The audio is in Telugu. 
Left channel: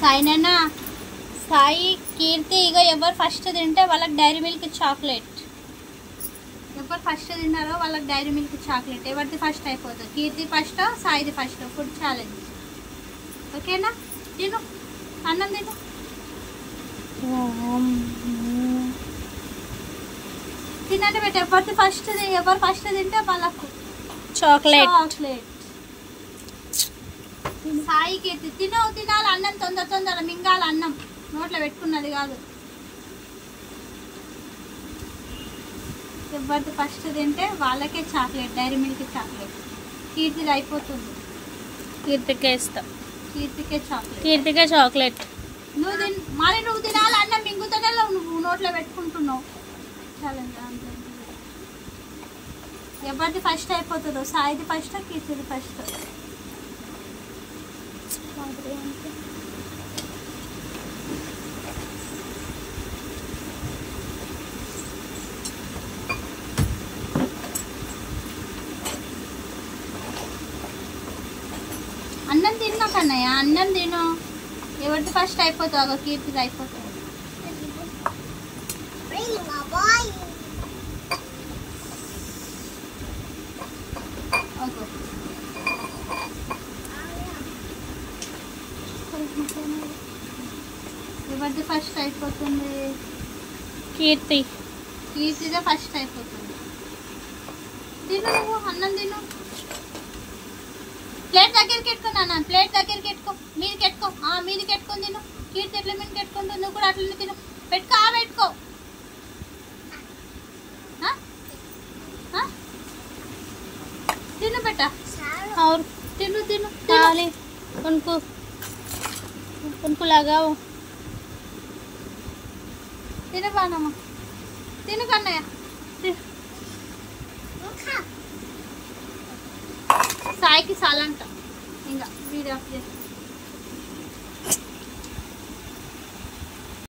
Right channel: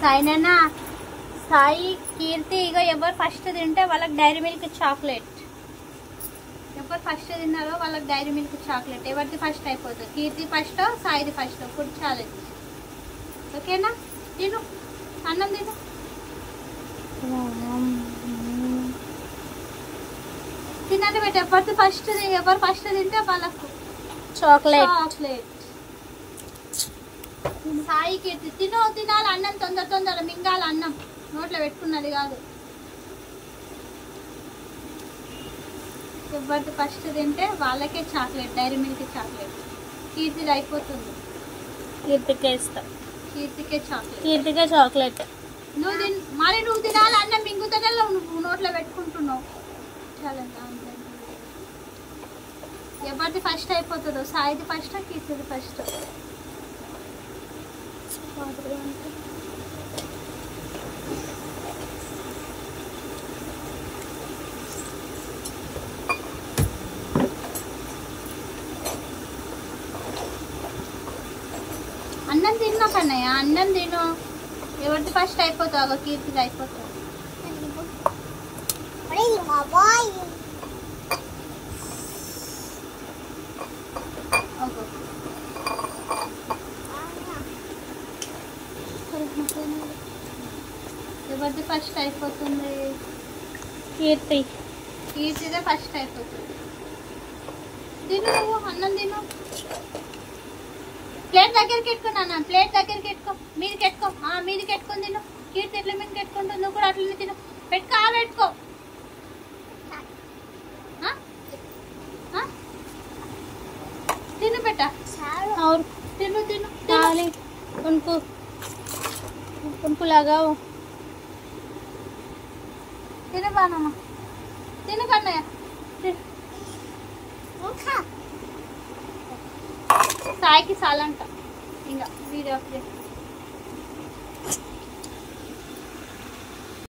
సాయినా సాయి కీర్తి ఇక ఎవరు ఫస్ట్ తింటే వాళ్ళకి డైరీ మిల్క్ చాక్లెట్. ఎవరు ఫస్ట్ తిన్నారో వాళ్ళకి డైరీ మిల్క్ చాక్లెట్. ఎవరిది ఫస్ట్ అయిపోతుంది? కీర్తి ఫస్ట్, సాయిది ఫస్ట్. Food challenge. ఓకేనా? తిను, అన్నం తిను. తినండి బేట. ఎవరు ఫస్ట్ తింటే వాళ్ళకు చాక్లెట్. సాయి కీర్తి తినాలి. అన్నం తొందర మింగాలి. అన్నం నోట్లో పెట్టుకున్నది కాదు. ఎవరిది ఫస్ట్ తింటే వాళ్ళకే చాక్లెట్, డైరీ మిల్క్ చాక్లెట్. కీర్తిది అయిపోతుంది. కీర్తికే ఇస్తా. కీర్తికే చాక్లెట్. నువ్వు తినాలి. అన్నం మింగుతూనే నువ్వు నోట్లో పెట్టుకుంటున్నావు. ఎవరిది ఫస్ట్ అయిపోతుందో? సాయిది ఫస్ట్, కీర్తిది ఫస్ట్. అన్నం తిన్నా కన్నయ్య, అన్నం తిను. ఎవరిది ఫస్ట్ అయిపోతావు? కీర్తిది అయిపోతుంది. ఎవరిది ఫస్ట్ అయిపోతుంది? కీర్తిదే ఫస్ట్ అయిపోతుంది. తిను నువ్వు, అన్నం తిను. ప్లేట్ దగ్గరికి పెట్టుకున్నా. ప్లేట్ దగ్గరికి పెట్టుకో. మీదికి పెట్టుకో. మీదికి పెట్టుకొని తిను. కీర్తి ఎట్లా మీదకి పెట్టుకుంటుంది, నువ్వు కూడా అట్లనే తిను. పెట్టుకో. తిను పెట్ట. తిను उनको लगाओ. తిను బానమ్మ. తిను కన్నయ్య. సాయికి సాలంట. ఇంకా వీడియో